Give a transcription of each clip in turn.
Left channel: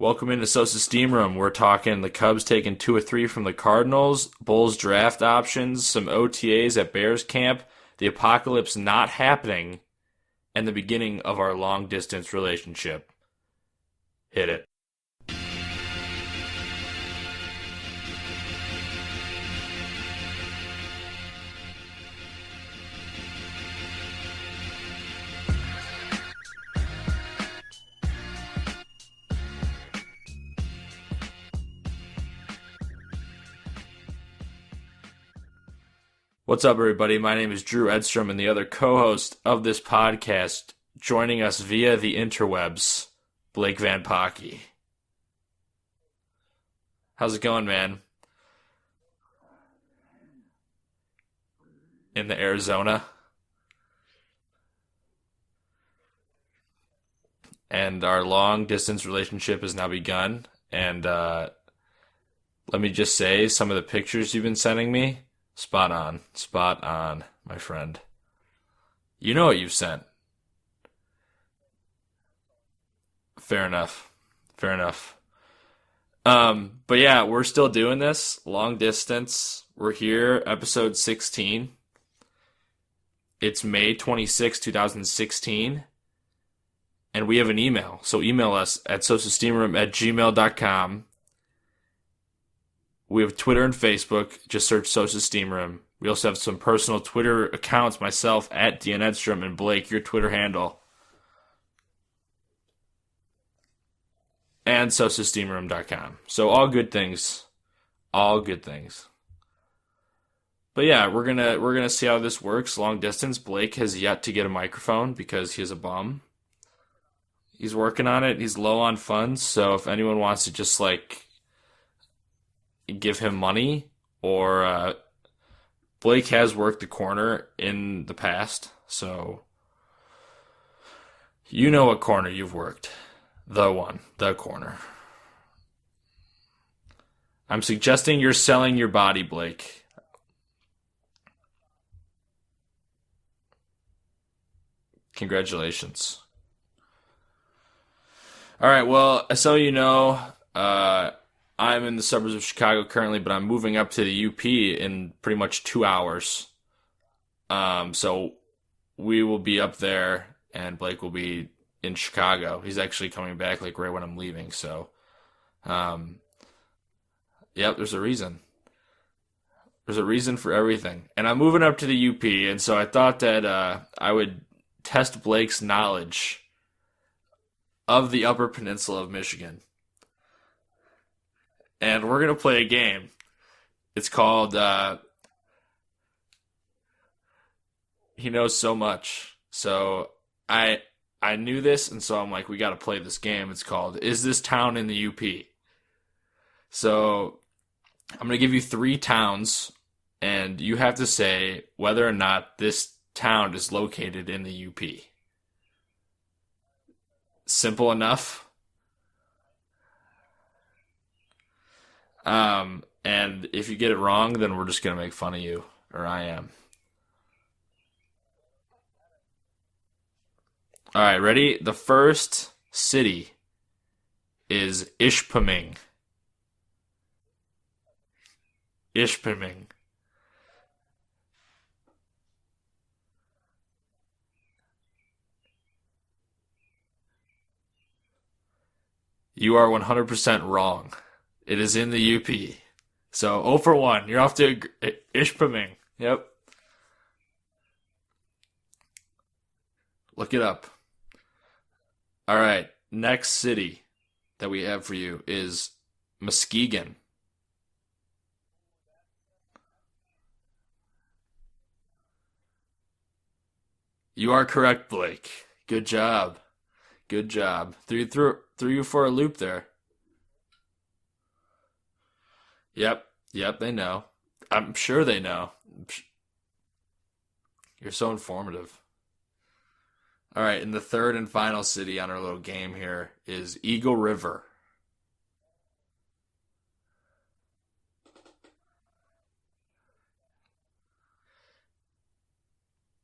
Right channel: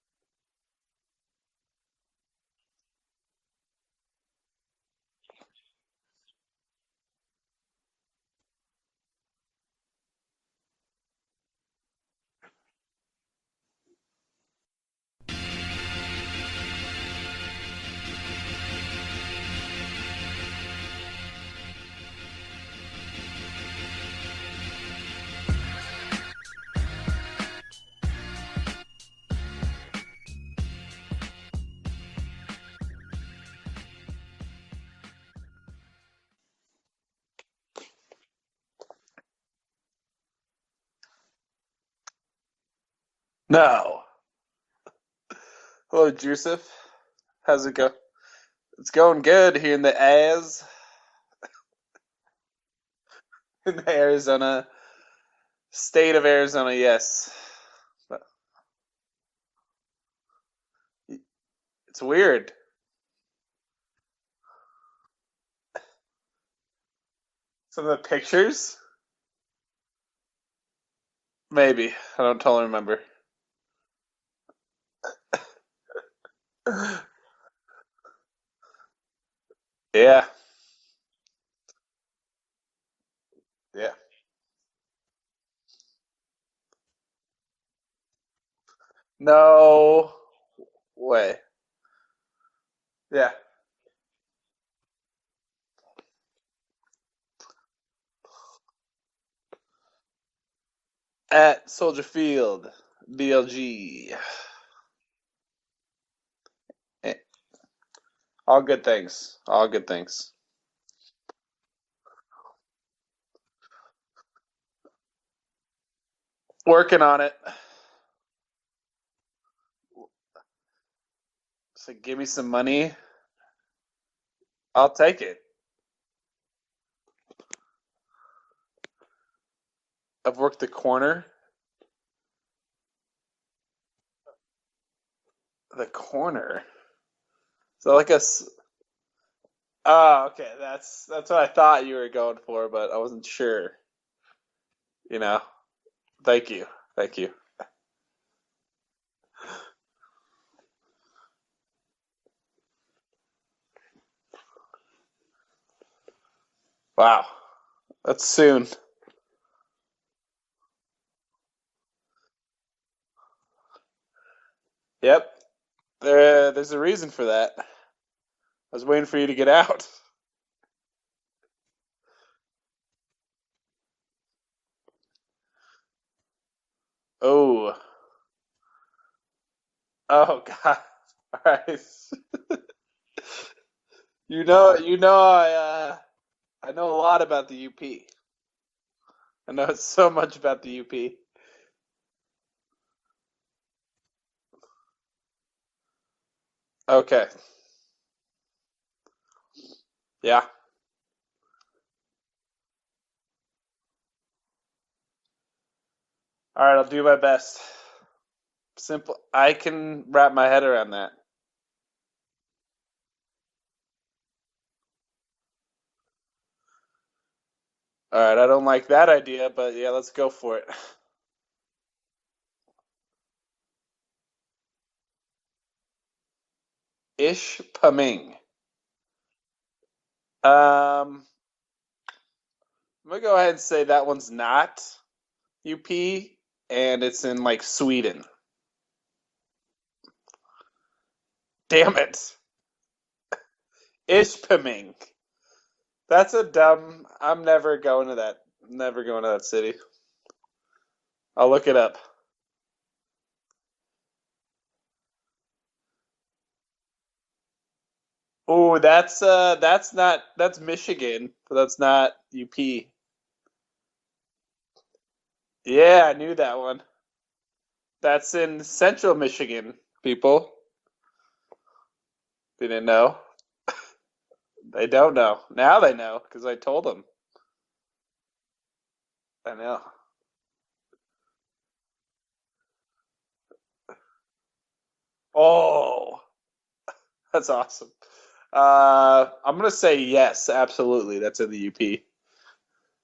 Welcome into So Steamroom. We're talking the Cubs taking 2 or 3 from the Cardinals, Bulls draft options, some OTAs at Bears camp, the apocalypse not happening, and the beginning of our long-distance relationship. Hit it. What's up, everybody? My name is Drew Edstrom, and the other co-host of this podcast, joining us via the interwebs, Blake Van Pocky. Hello, Joseph. How's it going, man? It's going good here in the Az. In the Arizona? In the Arizona. State of Arizona, yes. And our long-distance relationship has now begun, and it's weird. Let me just say, some of the pictures you've been sending me, spot on, my friend. Some of the pictures? You know what you've sent. Maybe. I don't totally remember. Fair enough. But yeah, we're still doing this. Long distance. We're here, episode 16. It's May 26, 2016. And we have an email. So email us at sosassteamroom@gmail.com. Way. We have Twitter and Facebook. Just search Sosa Steam Room. We also have some personal Twitter accounts. Myself, at DN Edstrom, and Blake, your Twitter handle. At Soldier Field, BLG. And sosassteamroom.com. So all good things. All good things. But yeah, we're gonna see how this works. Long distance. Blake has yet to get a microphone because he is a bum. Working on it. He's working on it. He's low on funds. So if anyone wants to just So give me some money. give him money, or I'll take it. Blake has worked the corner in the past, so I've worked the corner. You know what corner you've worked. The corner. The corner. I'm suggesting you're selling your body, Blake. Oh, okay. That's what I thought you were going for, but I wasn't sure. Congratulations. Thank you. All right, well, as some of you know, I'm in the suburbs of Chicago currently, but I'm moving up to the UP in pretty much 2 hours. Wow. So that's soon. We will be up there, and Blake will be in Chicago. He's actually coming back right when I'm leaving. So. Yep. There's a reason for that. Yep, there's a reason. I was waiting for you to get out. There's a reason for everything, and I'm moving up to the UP, and so I thought that I would test Blake's knowledge. Of the Upper Peninsula of Michigan. Oh God. All right. And we're gonna play a game. It's called. I know a lot about the UP. He knows so much. I know so much about the UP. I knew this, and so I'm like, we got to play this game. It's called "Is This Town in the UP?" So okay. I'm gonna give you 3 towns, and you have to say whether or not this town is located in the UP. All right, I'll do my best. Simple enough. Simple. I can wrap my head around that. And if you get it wrong, then we're just gonna make fun of you, or I am. All right, I don't like that idea, but yeah, let's go for it. All right, ready? The first city is Ishpeming. Ishpeming. I'm gonna go ahead and say that one's not UP, and it's in Sweden. You are 100% wrong. It is in the UP. So 0 for 1. Ishpeming. Yep. That's a dumb. I'm never going to that. Never going to that city. Look it up. I'll look it up. All right. Next city that we have for you is Muskegon. Oh, that's Michigan, but that's not UP. You are correct, Blake. Good job. I knew that one. Good job. That's in Central Michigan, people. They didn't know? Yep, they know. I'm sure they know. Now they know, because I told them. You're so informative. I know. All right, and the third and final city on our little game here is Eagle River. Oh, that's awesome. I'm going to say yes, absolutely. That's in the UP.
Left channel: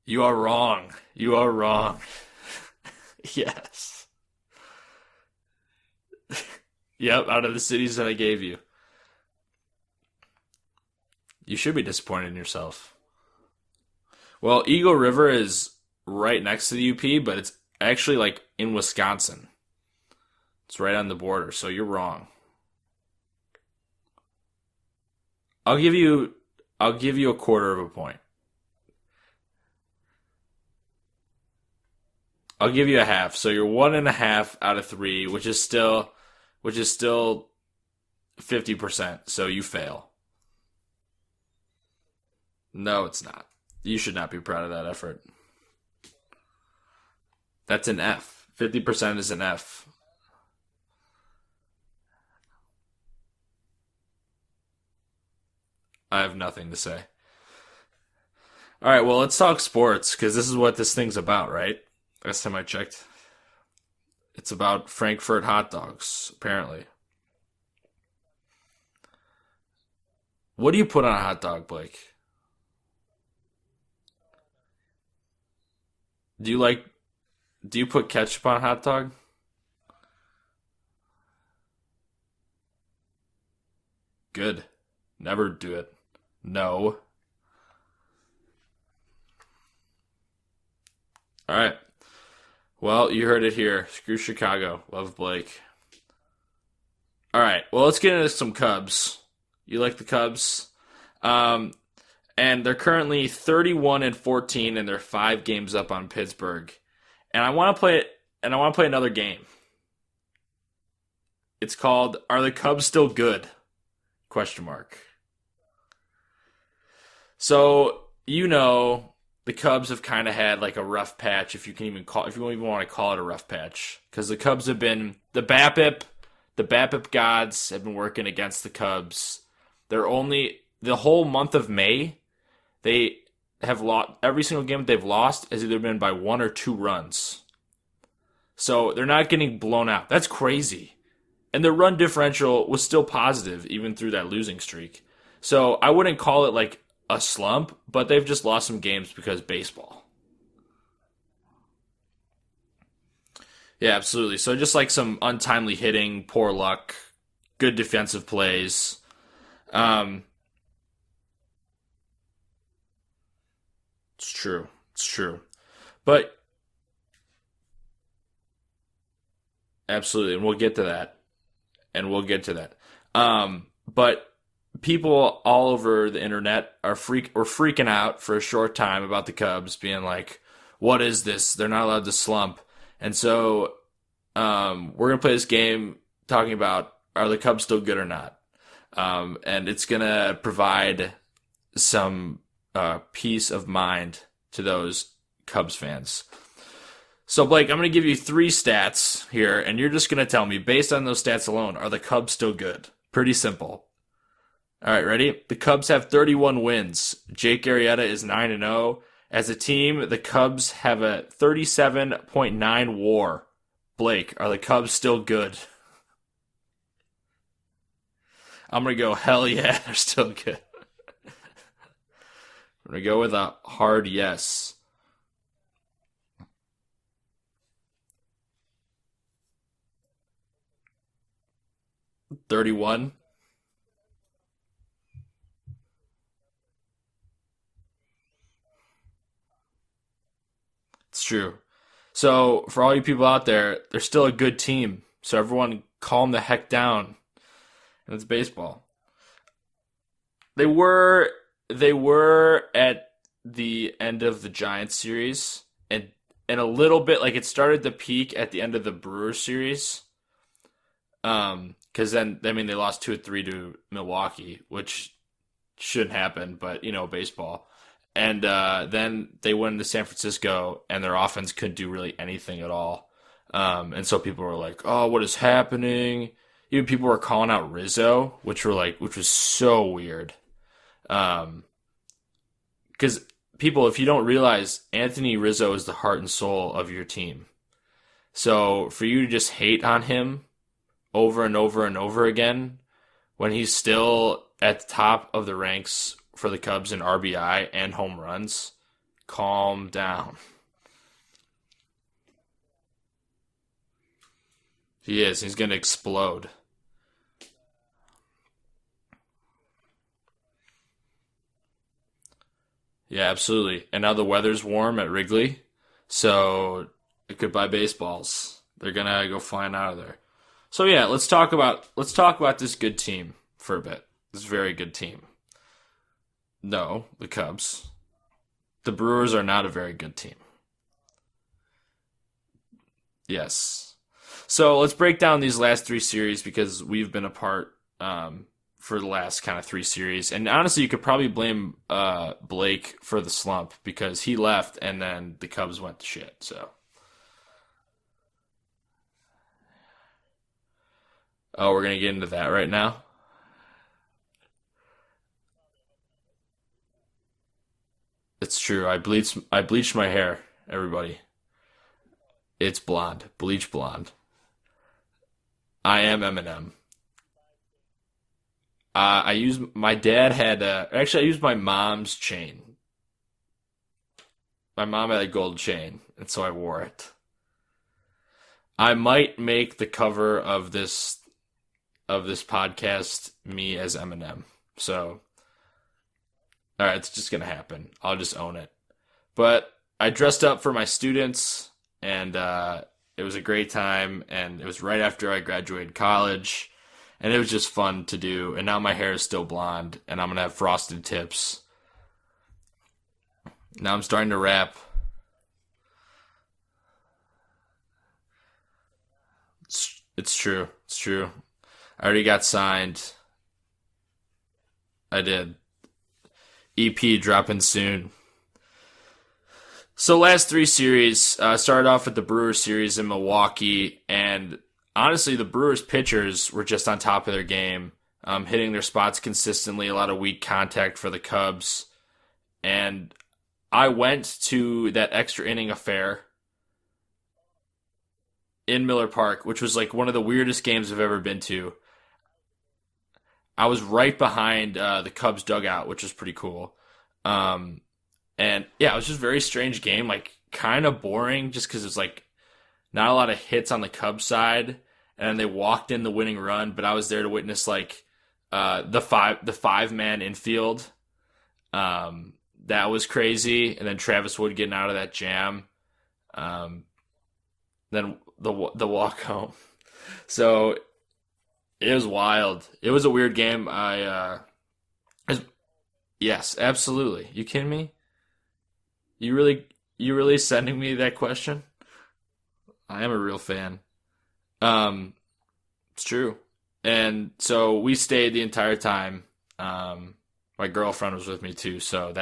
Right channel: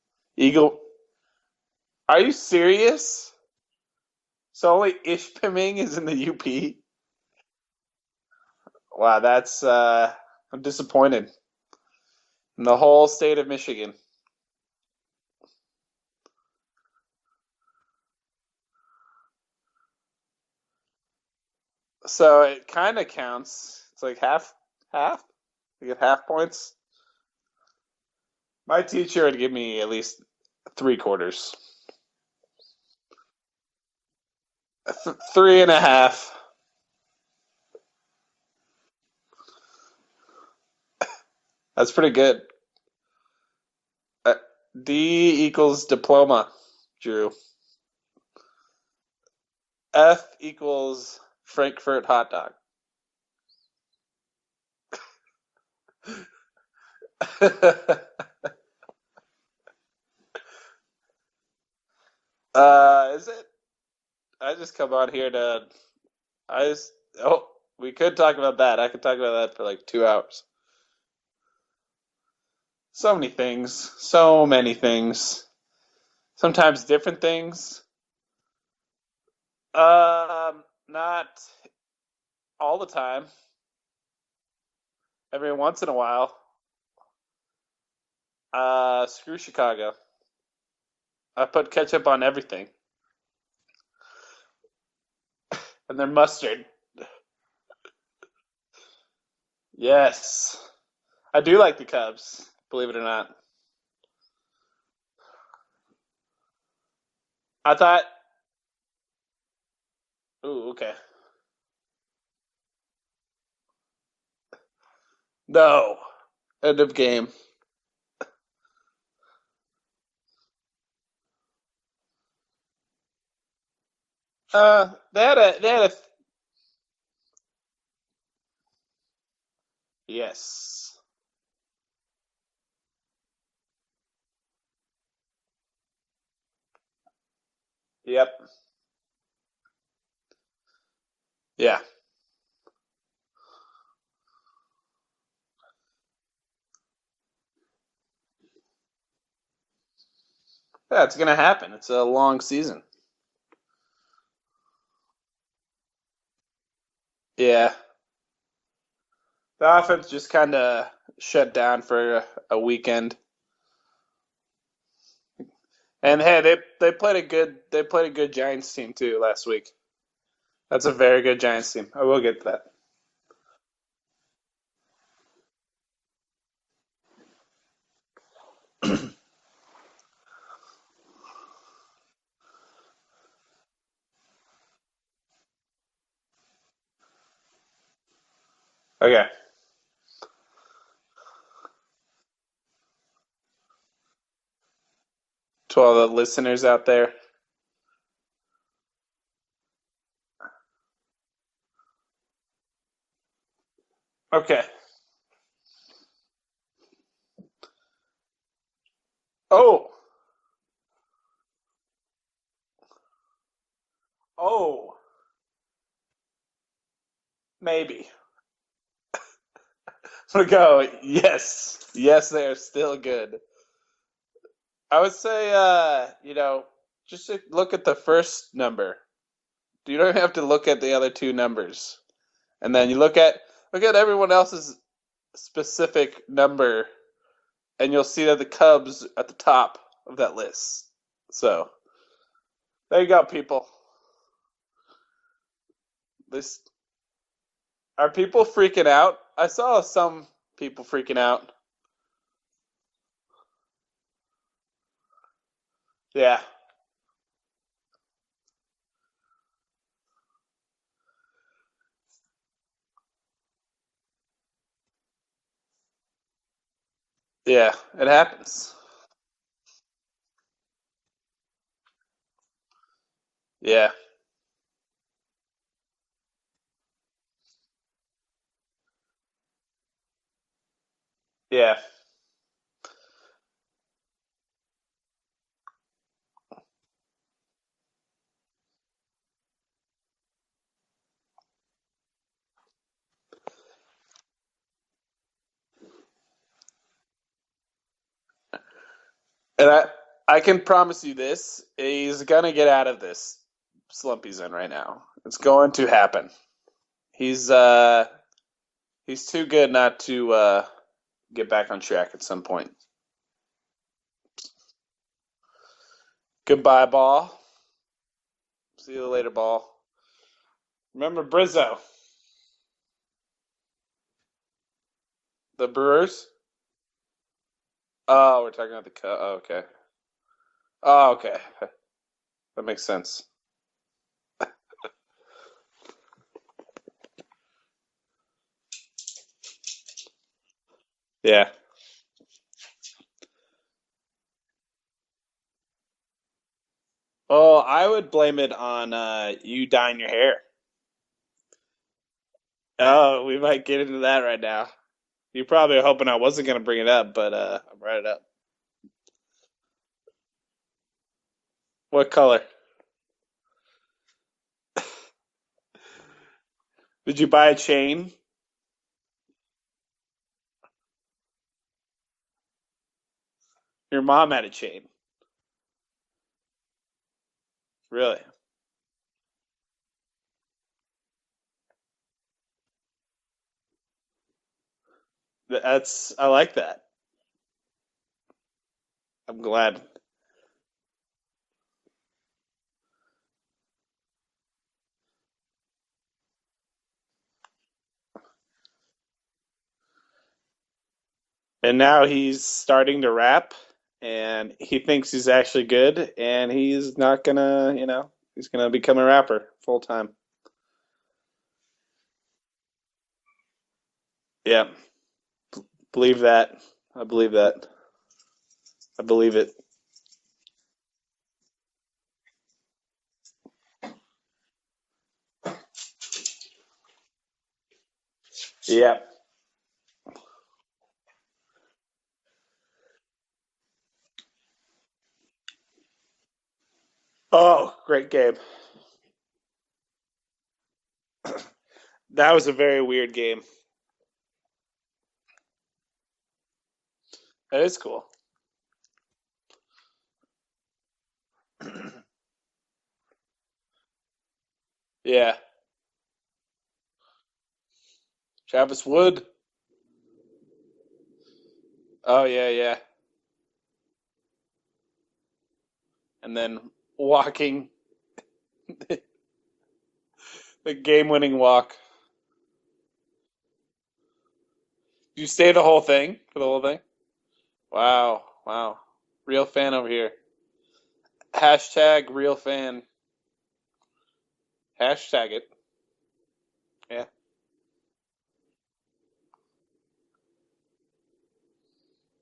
You are wrong. You are wrong. Are you serious? Yes. So only Ishpeming is in the UP? Yep, out of the cities that I gave you. Wow, that's I'm disappointed. You should be disappointed in In the yourself. whole state of Michigan. Well, Eagle River is right next to the UP, but it's actually like in Wisconsin. It's right on the border, so you're wrong. So it kind of counts. It's like half. I'll give Half you points. I'll give you a quarter of a point. My teacher would give me at least 3/4. I'll give you a half. So you're 1.5 out of 3, which Three is and a still, half. which is still 50%. So you fail. That's pretty good. No, it's not. You should not be proud of that effort. D equals diploma, Drew. That's an F. 50% is an F. F equals Frankfurt hot dog. I have nothing to say. All right, well, let's talk sports because this is what this thing's about, right? Last time I checked. Is it? It's about Frankfurt hot dogs, apparently. We could talk about that. I could talk about that for like 2 hours. What do you put on a hot dog, Blake? So many things. So many things. Sometimes different things. Do you put ketchup on a hot dog? Not all the time. Good. Never Every once in a while. No. Screw Chicago. I put ketchup on everything. Well, you heard it here. Screw Chicago. Love Blake. And then mustard. All right. Well, let's get into some Cubs. You like the Cubs? I do like the Cubs. And they're currently 31-14, and they're 5 games up on Pittsburgh. And I want to play another game. Ooh, okay. It's called "Are the Cubs Still Good?" Question mark. No. End of game. So the Cubs have kind of had like a rough patch, if you don't even want to call it a rough patch, because the Cubs have been the BABIP gods have been working against the Cubs. They're only the whole month of May, they have lost every single game they've lost has either been by 1 or 2 runs. Yep. So they're not getting blown out. That's crazy. And their run differential was still positive even through that losing streak. So I wouldn't call it like a slump, but they've just lost some games because baseball. Yeah, it's going to happen. It's a long season. Yeah, absolutely. So just like some untimely hitting, poor luck, good defensive plays. The offense just kind of shut down for a weekend. It's true. And hey, they played a good Giants team too last week. Absolutely, and we'll get to that. That's a very good Giants team. And we'll get to that. But people all over the internet were freaking out for a short time about the Cubs, being like, "What is this? They're not allowed to slump." And so, we're gonna play this game talking about, are the Cubs still good or not? And it's gonna provide some peace of mind to those Cubs fans. To all the listeners out there. So, Blake, I'm going to give you 3 stats here, and you're just going to tell me, based on those stats alone, are the Cubs still good? Pretty simple. Okay. All right, ready? The Cubs have 31 wins. Jake Arrieta is 9-0. As a team, the Cubs have a 37.9 WAR. Blake, are the Cubs still good? Maybe. I'm going to go, hell yeah, they're still good. I'm going to go, yes. Yes, they are still good. We go with a hard yes. I would say, just look at the first number. You don't have to look at the other 2 numbers. 31. And then you look at everyone else's specific number, and you'll see that the Cubs at the top of that list. It's true. So for all you people out there, they're still a good team. So everyone calm the heck down. Are people freaking out? I saw some freaking out. They were at the end of the Giants series, and a little bit, like, it started to peak at the end of the Brewers series, because then, I mean, they lost 2-3 to Milwaukee, which shouldn't happen, but baseball. Yeah, it happens. And then they went to San Francisco, and their offense couldn't do really anything at all. And so people were like, "Oh, what is happening?" Even people were calling out Rizzo, which was so weird. Because people, if you don't realize, Anthony Rizzo is the heart and soul of your team. So for you to just hate on him over and over and over again, when he's still at the top of the ranks for the Cubs in RBI and home runs, calm down. I can promise you this: he's gonna get out of this slump he's in right now. He is. He's going to explode. Happen. He's too good not to get back on track at some point. Yeah, absolutely. And now the weather's warm at Wrigley, so Goodbye, ball. goodbye baseballs. They're See you gonna later, go ball. flying out of there. So yeah, let's Remember, talk about this good team for a bit. This very good team. The Brewers? No, the Cubs. Oh, we're talking about The Brewers are not a very good team. Oh, okay. That makes sense. Yes. So let's break down these last 3 series because we've been apart for the last kind of 3 series. And honestly, you could probably blame Blake for the slump because he left and then the Cubs went to shit. So. Oh, I would blame it on you dyeing your hair. Oh, we're going to get into that right now? Oh, we might get into that right now. You probably are hoping I wasn't going to bring it up, but I brought it up. It's true. I bleached my hair, everybody. What color? It's blonde. Bleach blonde. I am Eminem. Did you buy a chain? I used my dad had actually I used my mom's chain. Your mom had a chain. My mom had a gold chain, and so I wore it. Really? I might make the cover of this podcast me as Eminem. So I like that. All right, it's just gonna happen. I'll just own it. I'm but glad. I dressed up for my students, and it was a great time. And it was right after I graduated college. And it was just fun to do. And now my hair is still blonde, and I'm going to have frosted tips. And now he's starting to rap. Now I'm starting to rap. He thinks he's actually good, and he's not going to, he's going to become a rapper full time. It's true. It's true. I already got signed. Yeah. I did. Believe that. EP dropping soon. I believe it. So last 3 series, started off with the Brewers series in Milwaukee, and honestly, the Brewers pitchers were just on top of their game, hitting their spots consistently, a lot of weak contact for the Cubs. And I went to that extra inning affair. Oh, great game. In Miller Park, which was like one of the weirdest games I've ever been to. That was a very weird game. I was right behind the Cubs dugout, which was pretty cool. That is cool. And yeah, it was just a very strange game, like kind of boring just because it's like not a lot of hits on the Cubs side. Yeah. And they walked in the winning run, but I was there to witness like the 5-man infield. Yeah. That was crazy. And then Travis Wood getting out of that jam. And then walking. Then the walk home. So the game-winning walk. It was wild. It was a weird game. You stay the whole thing? Yes, absolutely. You kidding me? Wow. You real really, fan over here. You really sending me that question? Hashtag real fan. I am a real fan. Hashtag it. It's true. And so we stayed the entire time. My girlfriend was with me too, so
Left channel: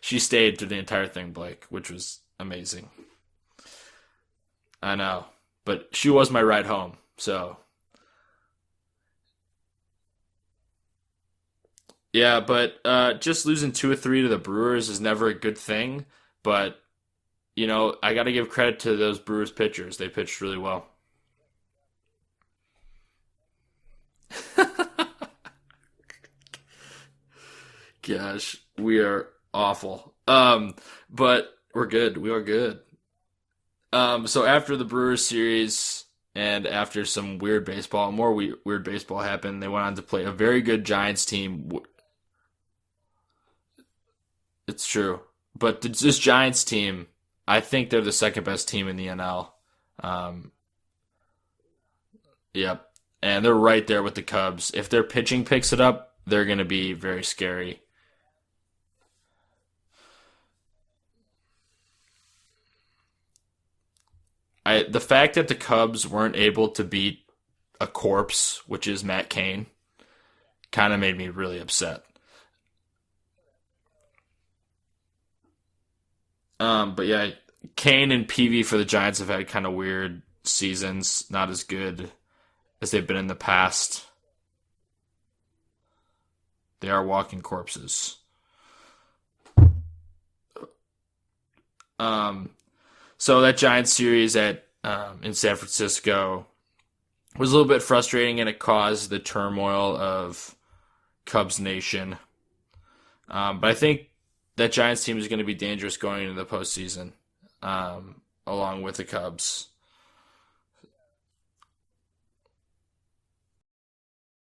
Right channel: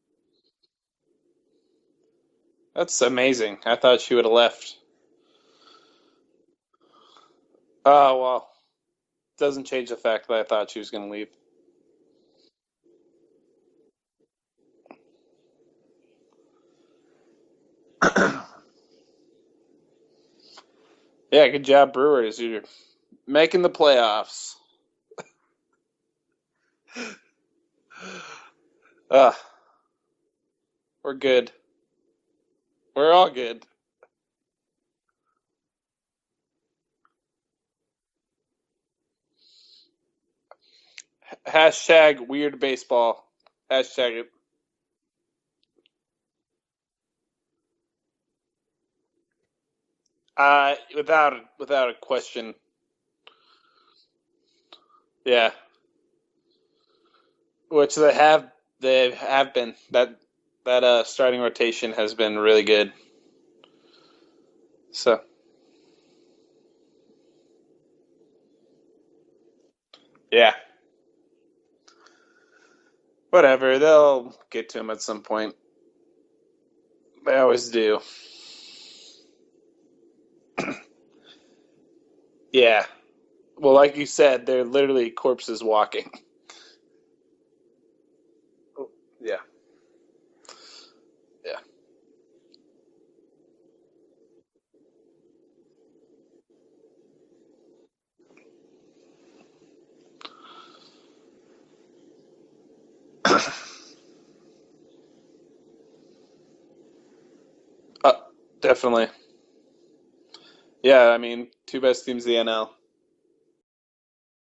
she stayed through the entire thing, Blake, which was amazing. That's amazing. I thought she would have left. I know, but she was my ride home, so. Oh, well. Doesn't change the fact that I thought she was going to leave. Yeah, but just losing 2 or 3 to the Brewers is never a good thing, but, I got to give credit to those Brewers pitchers. They pitched really well. Yeah, good job, Brewers. You're making the playoffs. Gosh, we are awful. We're good. We're good. We are good. We're all good. So after the Brewers series and after some weird baseball, more weird baseball happened, they went on to play a very good Giants team. Hashtag weird baseball. Hashtag it. It's true. But this Giants team, I think they're the second best team in the NL. Without a question. Yep. And they're right there with the Cubs. If their pitching picks it up, they're going to be very scary. Which they have been. That starting rotation has been really good. The fact that the Cubs weren't able to beat a corpse, which is Matt Cain, kind of made me really upset. Whatever, they'll get to him at some point. But yeah, they always do. Cain and Peavy for the Giants have had kind of weird seasons, not as good as they've been in the past. Well, like you said, they're literally corpses walking. They are walking corpses. Yeah. So that Giants series in San Francisco was a little bit frustrating, and it caused the turmoil of Cubs Nation. But I think that Giants team is going to be dangerous going into the postseason, along definitely. with the Cubs. Yeah, I mean, 2 best teams in the NL.